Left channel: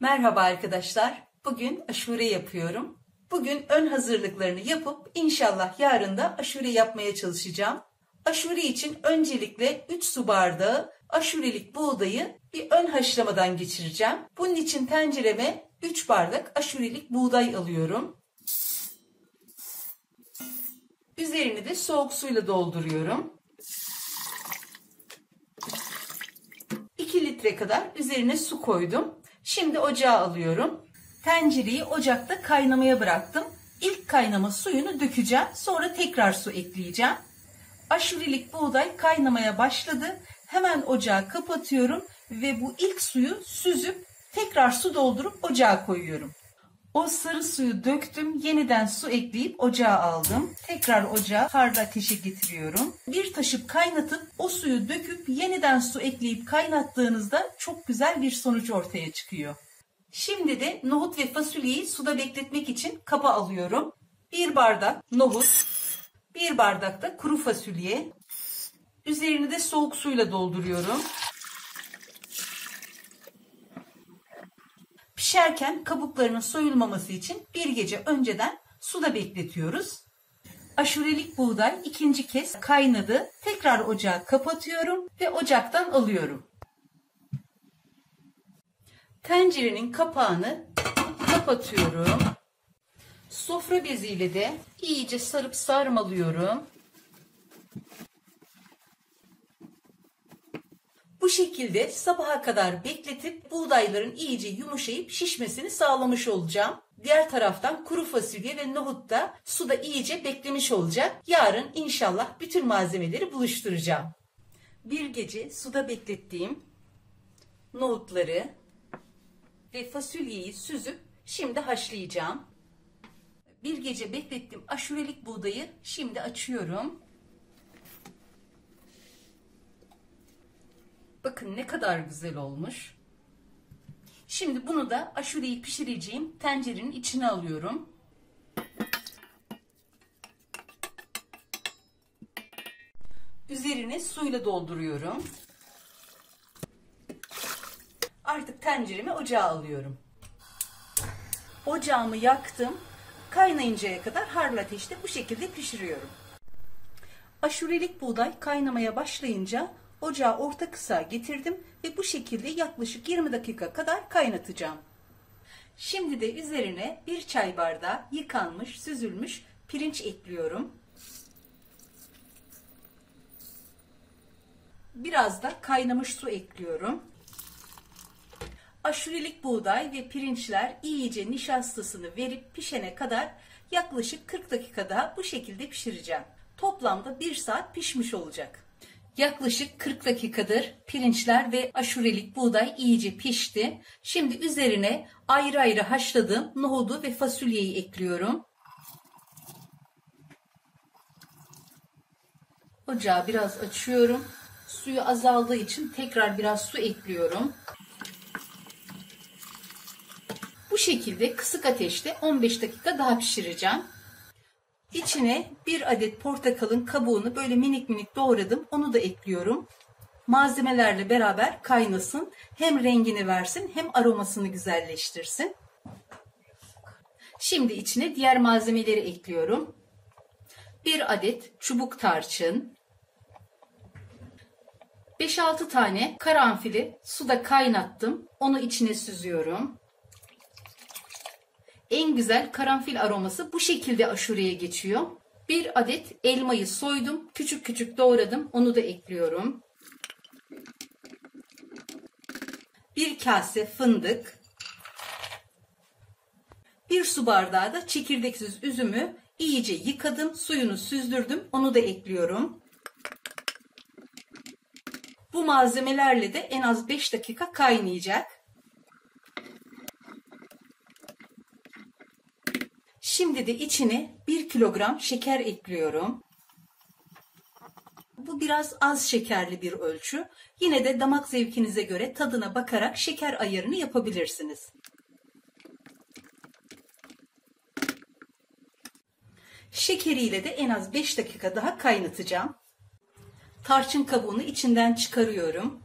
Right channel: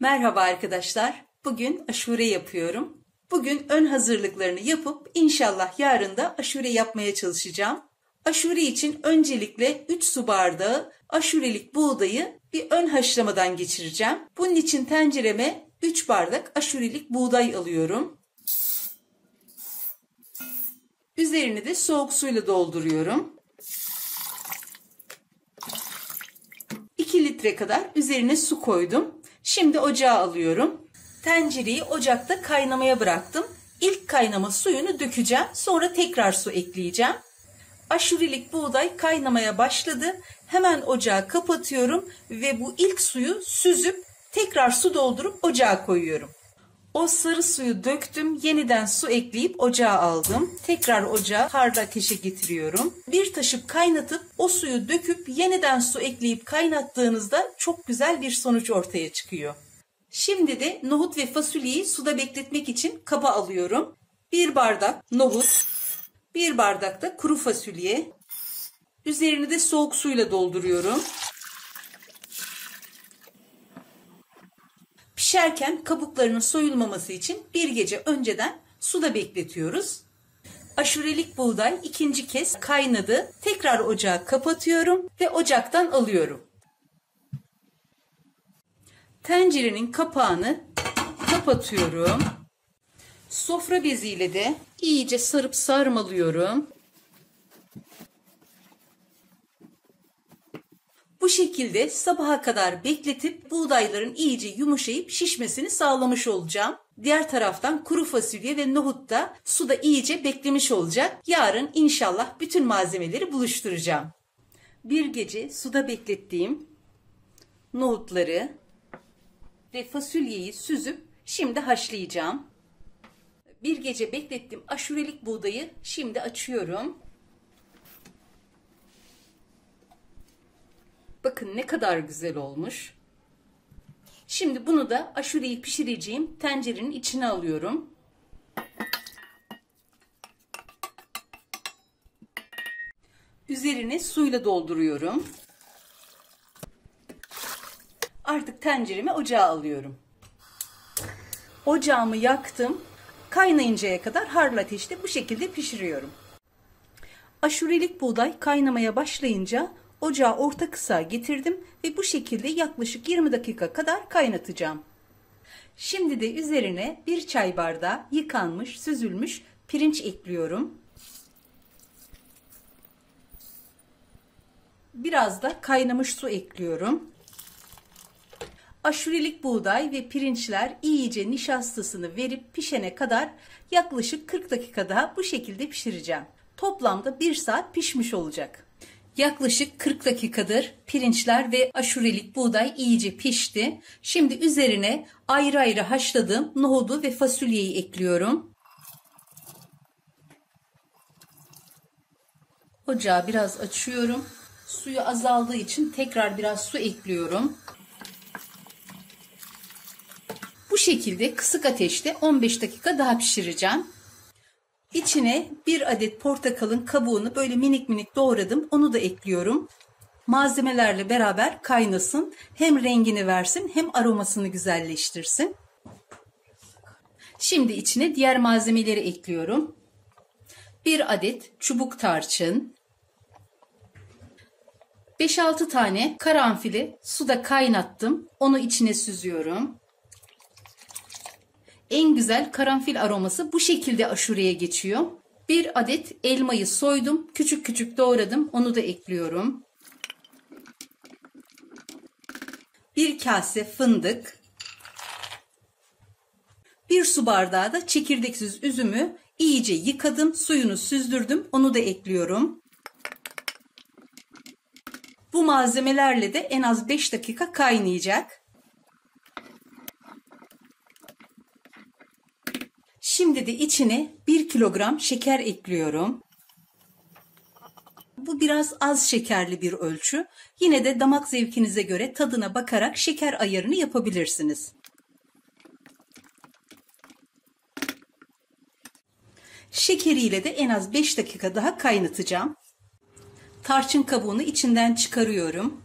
Merhaba arkadaşlar. Bugün aşure yapıyorum. Bugün ön hazırlıklarını yapıp inşallah yarın da aşure yapmaya çalışacağım. Aşure için öncelikle 3 su bardağı aşurelik buğdayı bir ön haşlamadan geçireceğim. Bunun için tencereme 3 bardak aşurelik buğday alıyorum. Üzerini de soğuk suyla dolduruyorum. 2 litre kadar üzerine su koydum. Şimdi ocağa alıyorum. Tencereyi ocakta kaynamaya bıraktım. İlk kaynama suyunu dökeceğim. Sonra tekrar su ekleyeceğim. Aşurelik buğday kaynamaya başladı. Hemen ocağı kapatıyorum ve bu ilk suyu süzüp tekrar su doldurup ocağa koyuyorum. O sarı suyu döktüm. Yeniden su ekleyip ocağa aldım. Tekrar ocağa harlı ateşe getiriyorum. Bir taşıp kaynatıp o suyu döküp yeniden su ekleyip kaynattığınızda çok güzel bir sonuç ortaya çıkıyor. Şimdi de nohut ve fasulyeyi suda bekletmek için kaba alıyorum. 1 bardak nohut, 1 bardak da kuru fasulye. Üzerini de soğuk suyla dolduruyorum. Pişerken kabuklarının soyulmaması için bir gece önceden suda bekletiyoruz. Aşurelik buğday ikinci kez kaynadı. Tekrar ocağı kapatıyorum ve ocaktan alıyorum. Tencerenin kapağını kapatıyorum. Sofra beziyle de iyice sarıp sarmalıyorum. Bu şekilde sabaha kadar bekletip buğdayların iyice yumuşayıp şişmesini sağlamış olacağım. Diğer taraftan kuru fasulye ve nohut da suda iyice beklemiş olacak. Yarın inşallah bütün malzemeleri buluşturacağım. Bir gece suda beklettiğim nohutları ve fasulyeyi süzüp şimdi haşlayacağım. Bir gece beklettim aşurelik buğdayı şimdi açıyorum. Bakın ne kadar güzel olmuş. Şimdi bunu da aşureyi pişireceğim tencerenin içine alıyorum. Üzerine suyla dolduruyorum. Artık tenceremi ocağa alıyorum. Ocağımı yaktım. Kaynayıncaya kadar harlı ateşte bu şekilde pişiriyorum. Aşurelik buğday kaynamaya başlayınca ocağı orta kısığa getirdim ve bu şekilde yaklaşık 20 dakika kadar kaynatacağım. Şimdi de üzerine 1 çay bardağı yıkanmış, süzülmüş pirinç ekliyorum. Biraz da kaynamış su ekliyorum. Aşurelik buğday ve pirinçler iyice nişastasını verip pişene kadar yaklaşık 40 dakika daha bu şekilde pişireceğim. Toplamda 1 saat pişmiş olacak. Yaklaşık 40 dakikadır pirinçler ve aşurelik buğday iyice pişti. Şimdi üzerine ayrı ayrı haşladığım nohudu ve fasulyeyi ekliyorum. Ocağı biraz açıyorum. Suyu azaldığı için tekrar biraz su ekliyorum. Bu şekilde kısık ateşte 15 dakika daha pişireceğim. İçine 1 adet portakalın kabuğunu böyle minik minik doğradım. Onu da ekliyorum. Malzemelerle beraber kaynasın. Hem rengini versin hem aromasını güzelleştirsin. Şimdi içine diğer malzemeleri ekliyorum. 1 adet çubuk tarçın. 5-6 tane karanfili suda kaynattım. Onu içine süzüyorum. En güzel karanfil aroması bu şekilde aşureye geçiyor. 1 adet elmayı soydum. Küçük küçük doğradım. Onu da ekliyorum. 1 kase fındık. 1 su bardağı da çekirdeksiz üzümü iyice yıkadım. Suyunu süzdürdüm. Onu da ekliyorum. Bu malzemelerle de en az 5 dakika kaynayacak. Şimdi de içine 1 kilogram şeker ekliyorum. Bu biraz az şekerli bir ölçü. Yine de damak zevkinize göre tadına bakarak şeker ayarını yapabilirsiniz. Şekeriyle de en az 5 dakika daha kaynatacağım. Tarçın kabuğunu içinden çıkarıyorum.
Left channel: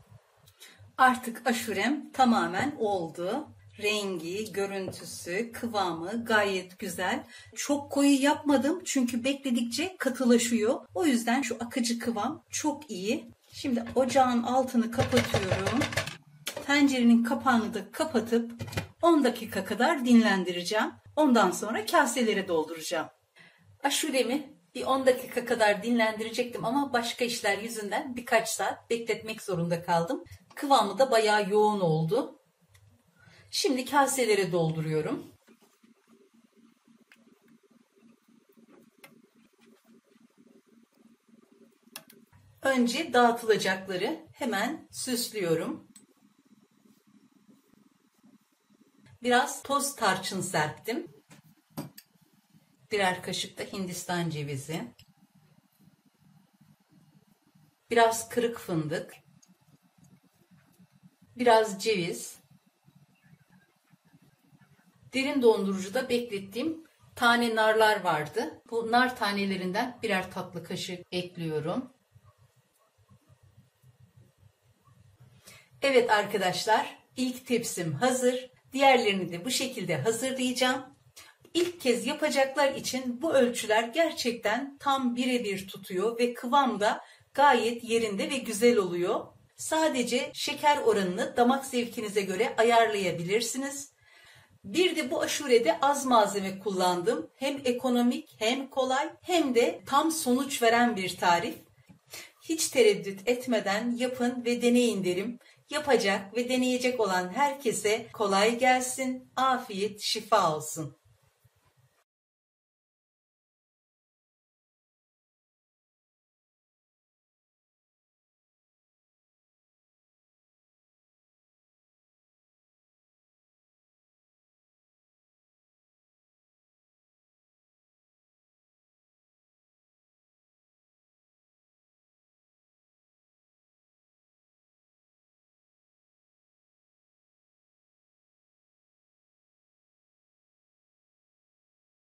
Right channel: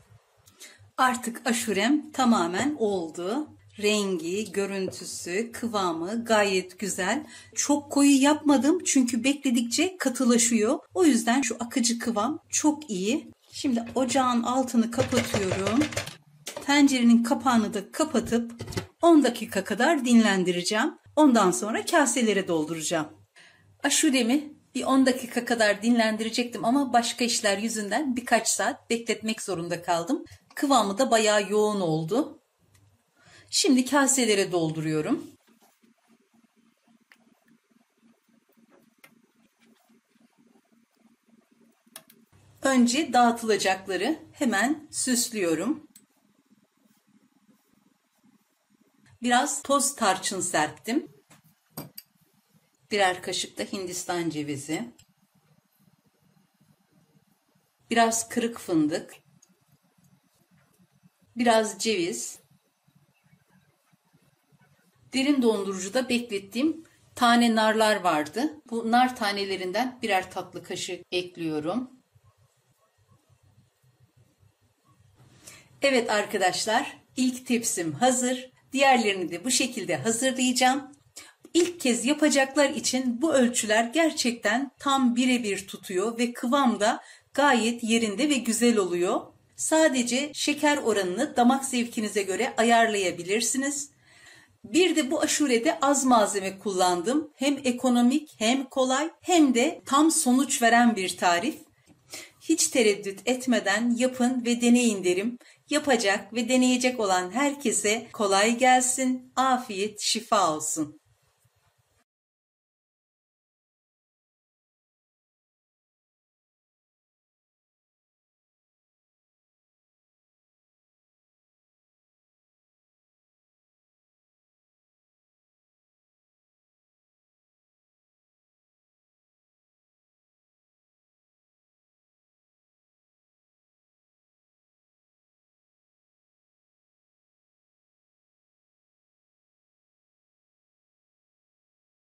Artık aşurem tamamen oldu. Rengi, görüntüsü, kıvamı gayet güzel. Çok koyu yapmadım çünkü bekledikçe katılaşıyor. O yüzden şu akıcı kıvam çok iyi. Şimdi ocağın altını kapatıyorum. Tencerenin kapağını da kapatıp 10 dakika kadar dinlendireceğim. Ondan sonra kaselere dolduracağım. Aşuremi bir 10 dakika kadar dinlendirecektim ama başka işler yüzünden birkaç saat bekletmek zorunda kaldım. Kıvamı da bayağı yoğun oldu. Şimdi kaselere dolduruyorum. Önce dağıtılacakları hemen süslüyorum. Biraz toz tarçın serptim. Birer kaşık da Hindistan cevizi. Biraz kırık fındık. Biraz ceviz. Derin dondurucuda beklettiğim tane narlar vardı. Bu nar tanelerinden birer tatlı kaşık ekliyorum. Evet arkadaşlar, ilk tepsim hazır. Diğerlerini de bu şekilde hazırlayacağım. İlk kez yapacaklar için bu ölçüler gerçekten tam birebir tutuyor ve kıvam da gayet yerinde ve güzel oluyor. Sadece şeker oranını damak zevkinize göre ayarlayabilirsiniz. Bir de bu aşurede az malzeme kullandım. Hem ekonomik hem kolay hem de tam sonuç veren bir tarif. Hiç tereddüt etmeden yapın ve deneyin derim. Yapacak ve deneyecek olan herkese kolay gelsin, afiyet, şifa olsun.